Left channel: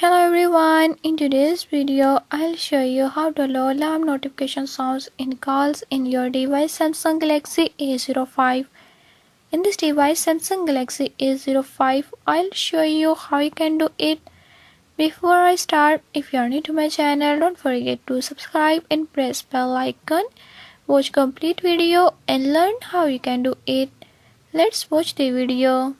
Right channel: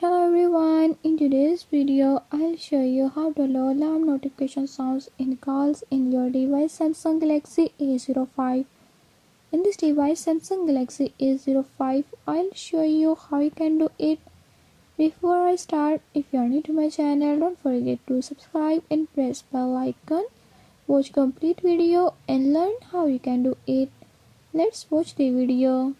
Hello everyone, in today's video I'll show you how to allow alarm notification sounds in calls in your device Samsung Galaxy A05. In this device Samsung Galaxy A05, I'll show you how you can do it. Before I start, if you are new to my channel, don't forget to subscribe and press bell icon. Watch complete video and learn how you can do it. Let's watch the video.